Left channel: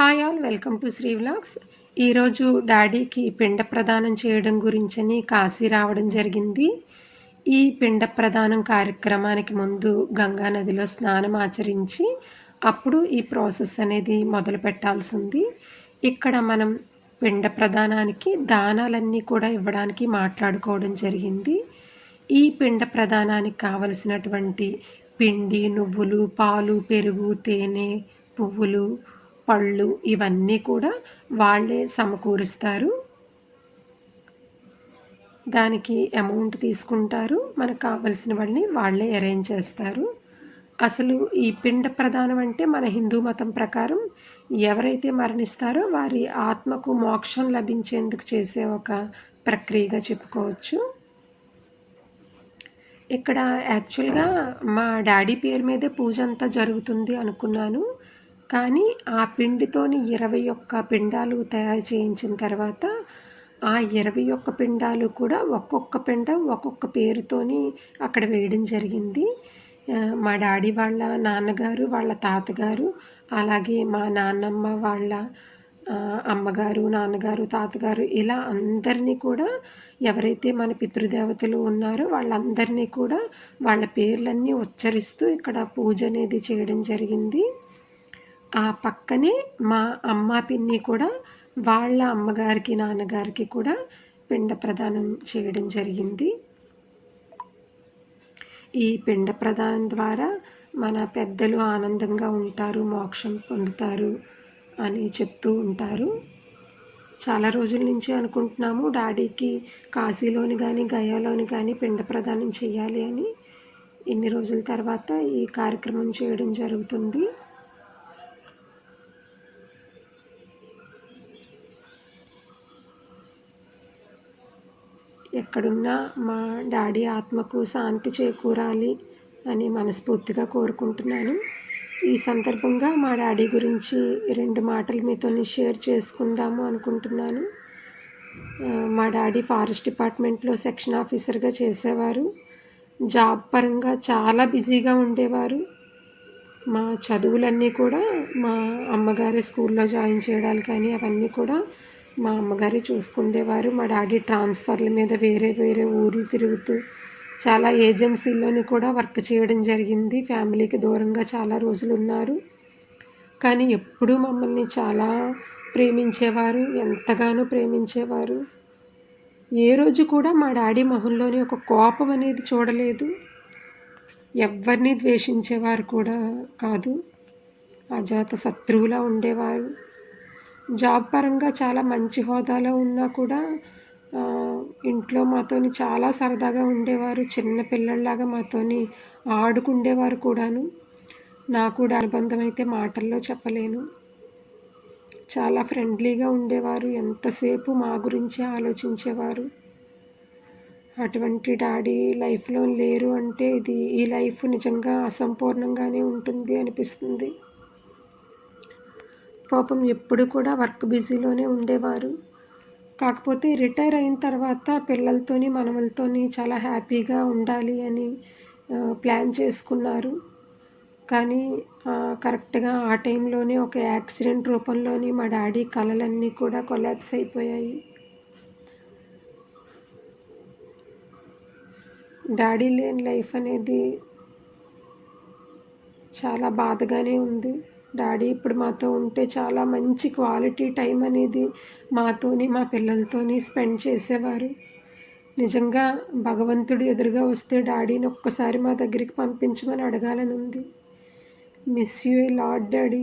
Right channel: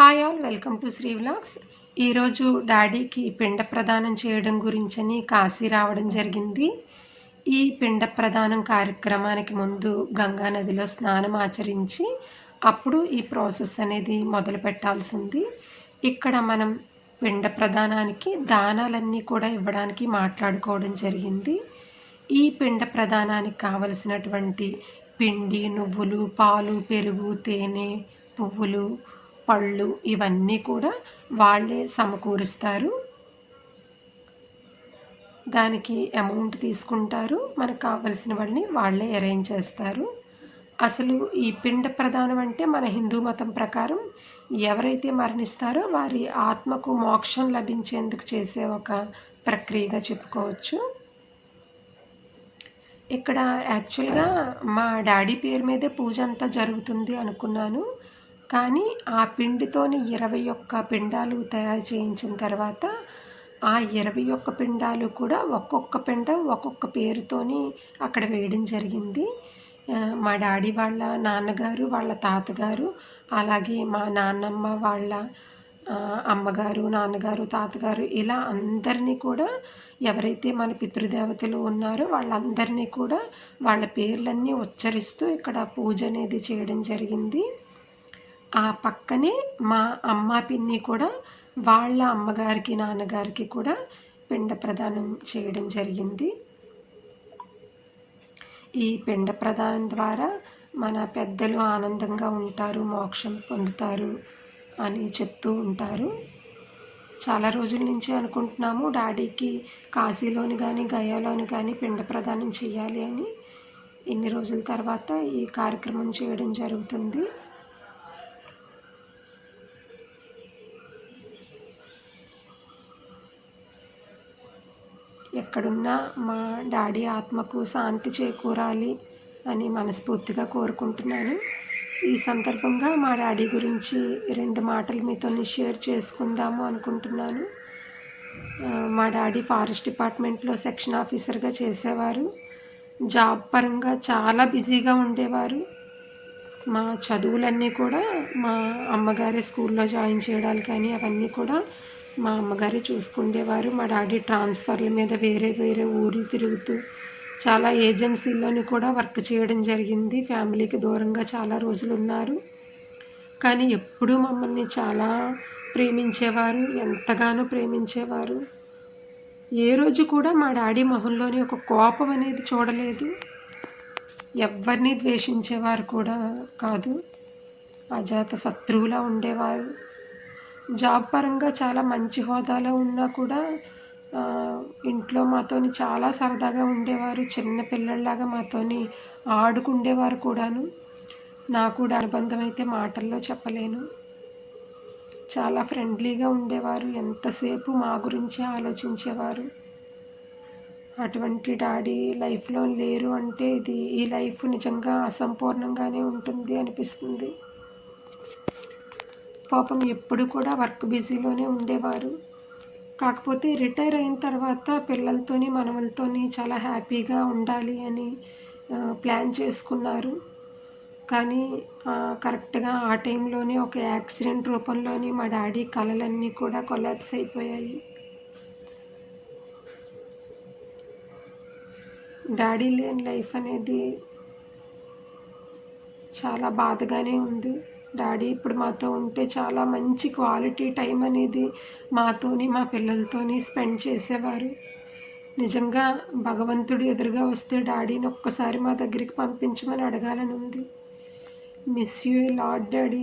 Hi all welcome to Sri vlogs. ఈరోజు డాడీకి పిండ ప్రదానం చేయడం గురించని కాశీ రావడం జరిగింది. ఈ పిండ ప్రదానం కార్యక్రమానికి ముందు గంగా నదిలో స్నానం ఆచరించి అప్పుడు ఈ ప్రాసెస్ అనేది మొదలు పెట్టాల్సి ఉంది. ఇక్కడ మనం పిండ ప్రదానానికి దానాలన్నీ కూడా ఇవ్వడానికి మాట్లాడుకోవడం జరిగింది. ఈ పిండ ప్రదానానికి కావలసినటువంటి పిండి, నువ్వులు, పాలు, పెరుగు, తేనె, పువ్వులు, పళ్ళు ఇవన్నీ కూడా వాళ్ళే సమకూరుస్తారు. దానికి అమౌంట్ తీసుకుంటారు. మనకు కావలసినవన్నీ వాళ్ళే అరేంజ్ చేస్తారు. అసలు ఈ పిండ ప్రదానం అంటే మన హిందూ మతం ప్రకారం ఎవరైతే మరణిస్తారో వారి ఆత్మకు మోక్షం లభించేందుకు చేసే ఒక ప్రక్రియగా చెప్పుకోవచ్చు. ఇక్కడ యాక్చువల్గా మా డాడీ పేరు మీదే పూజ అంతా జరుగుతుంది అనుకున్నాను. కానీ ఆ పిండితోని 21 పిండాలు తయారు చేయించిన తర్వాత ఆ 21 పిండాలు కూడా ఒక్కొక్క పిండం ఒక్కొక్క పేరుతోని అక్కడ వేయడం జరిగింది. మా డాడీ వాళ్ళ నాన్నగారు, వాళ్ళ తాతగారు, అలాగే మా నాన్నమ్మ వాళ్ళ అమ్మగారు, నాన్నగారు, తాతగారు ఇలా అందరినీ కూడా ఎవరైతే మన పితృదేవతలు ఉన్నారో వాళ్ళందరినీ కూడా వాళ్ళ పేర్లన్నీ ఉచ్చరిస్తూ ఇక్కడ పూజ అనేది చేయడం జరిగింది. ఆ పక్కనే మా అమ్మ పిన్ని కూడా వాళ్ళ అమ్మగారికి, నాన్నగారికి కూడా పిండ ప్రదానం చేయడం జరిగింది. ఈ పిండ ప్రదానం ద్వారా మన పెద్దలు ఆనందంగా ఉంటారు, మోక్షం పొందుతారు అని చెప్తూ ఉంటారు. చాలా రోజుల నుంచి అనుకుంటున్నాము డాడీకి కాశీలోని కానీ గయాలోని కానీ పిండ ప్రదానం చేయాలి అని. ఇన్ని రోజుల తర్వాత ఈ కార్యక్రమం చేయడం జరుగుతుంది. ఎక్కడున్నా మా డాడీ ఆత్మకు శాంతి చేకూరాలి అని మనస్ఫూర్తిగా కోరుకుంటున్నాను. ఈ సందర్భంగా మా డాడీ గురించి 2 మాటలు మీతో షేర్ చేసుకుందాము అనుకుంటున్నాను. మా డాడీ ఫారెస్ట్ డిపార్ట్మెంట్లో సెక్షన్ ఆఫీసర్గా చేసేవారు. జాబ్ పరంగా చాలా బిజీగా ఉండేవారు. మా చదువులన్నీ కూడా మా అమ్మగారే స్కూల్లో జాయిన్ చేయడాలు కానీ అవన్నీ కూడా మా అమ్మగారే చూసుకుండేవారు. మా డాడీ ట్రాన్స్ఫర్ల మీద వేరే వేరే ఊర్లు తిరుగుతూ చాలా ఏజెన్సీల్లోని కూడా వర్క్ చేయడం జరిగింది. ఫ్యామిలీకి దూరంగా చాలా రోజులు ఉన్నారు. కానీ ఎప్పుడూ మమ్మల్ని చాలా ప్రేమించేవారు, ఎంతగానో ప్రేమించేవారు. ఏ రోజు కూడా మా డాడీ మొహంలోని ఒక కోపం అనేది చూడలేదు. ఎవరిని ద్వేషించేవారు కూడా కాదు. అజాత శత్రువులా ఉండేవారు. జాబ్ పరంగా చాలా మంచి హోదాలో ఉన్నా కూడా ఇంట్లో మాతోని చాలా సరదాగా ఉండేవారు. చిన్న పిల్లల్లాగా మాతోని ఆడుకుండేవారు కూడాను. నాకు కూడా అనుబంధం అయితే మాటల్లో చెప్పలేను. చాలా ఫ్రెండ్లీగా ఉండేవారు. ఎంతసేపు మా గురించే ఆలోచించేవారు. అటువంటి డాడీ లైఫ్లో లేరు అంటే ఈ లైఫ్ నిజంగా అసంపూర్ణంగానే ఉంటుంది అనిపిస్తుంది. పాపం ఎప్పుడు కూడా వర్క్ బిజీలోనే ఉండేవారు. కాకపోతే రిటైర్ అయిన తర్వాత పిల్లలతోని, మనవలతోని చాలా హ్యాపీగా ఉండాలి అని ప్లాన్ చేసుకున్నారు. కానీ కరెక్ట్గా ఆ టైంలోనే ఒక యాక్సిడెంట్ రూపంలోని మా డాడీ కలలన్నీ కూడా కొలాప్స్ అయిపోయాయి. డాడీ లేని లైఫ్ అనేది చాలా బాధగానే ఉంది. డాడీ ఇప్పుడు మాతో ఉంటే చాలా మంచి క్వాలిటీ టైం అనేది మాతోని, మా పిల్లలతోని స్పెండ్ చేసేవారు. నిజంగా భగవంతుడు ఎదురుగా వస్తే డాడీని ఒక్కసారి మా దగ్గరికి పంపించమని అడగాలని ఉంది. Miss you a lot daddy.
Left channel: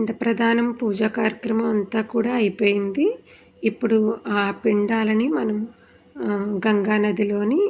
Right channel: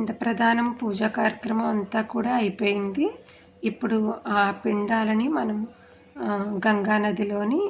పిండ ప్రదానం పూజా కార్యక్రమం అంతా కూడా అయిపోయింది. ఇప్పుడు ఆ పిండాలని మనం గంగా నదిలోని